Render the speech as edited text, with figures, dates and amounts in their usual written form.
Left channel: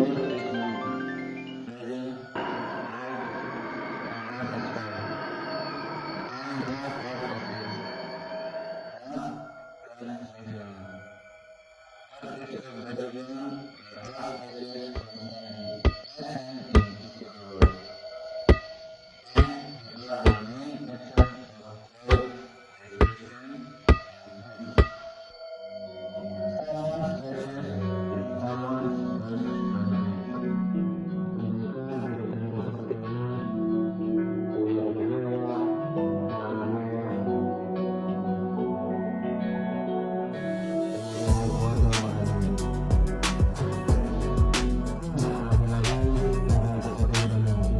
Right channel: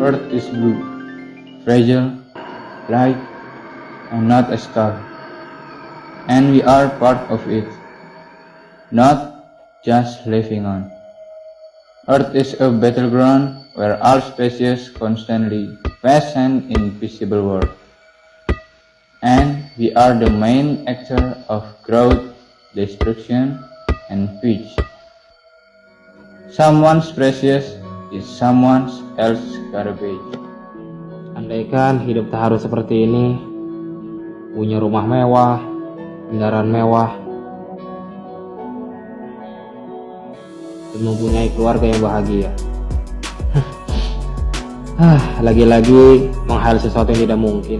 Earth is blue, fragile, light, and not a star. And we are part of it, not just living on. Earth is a battleground where all species constantly face an invisible war. And we are the main actor of growth, destruction, and peace. Someone's precious is someone else's garbage. Andaikan hidup tak harus seperti ini, punya rumah mewah, kendaraan mewah, dan mempunyai keluarga yang bahagia. Lagi-lagi menghayal sesuatu yang tidak mungkin.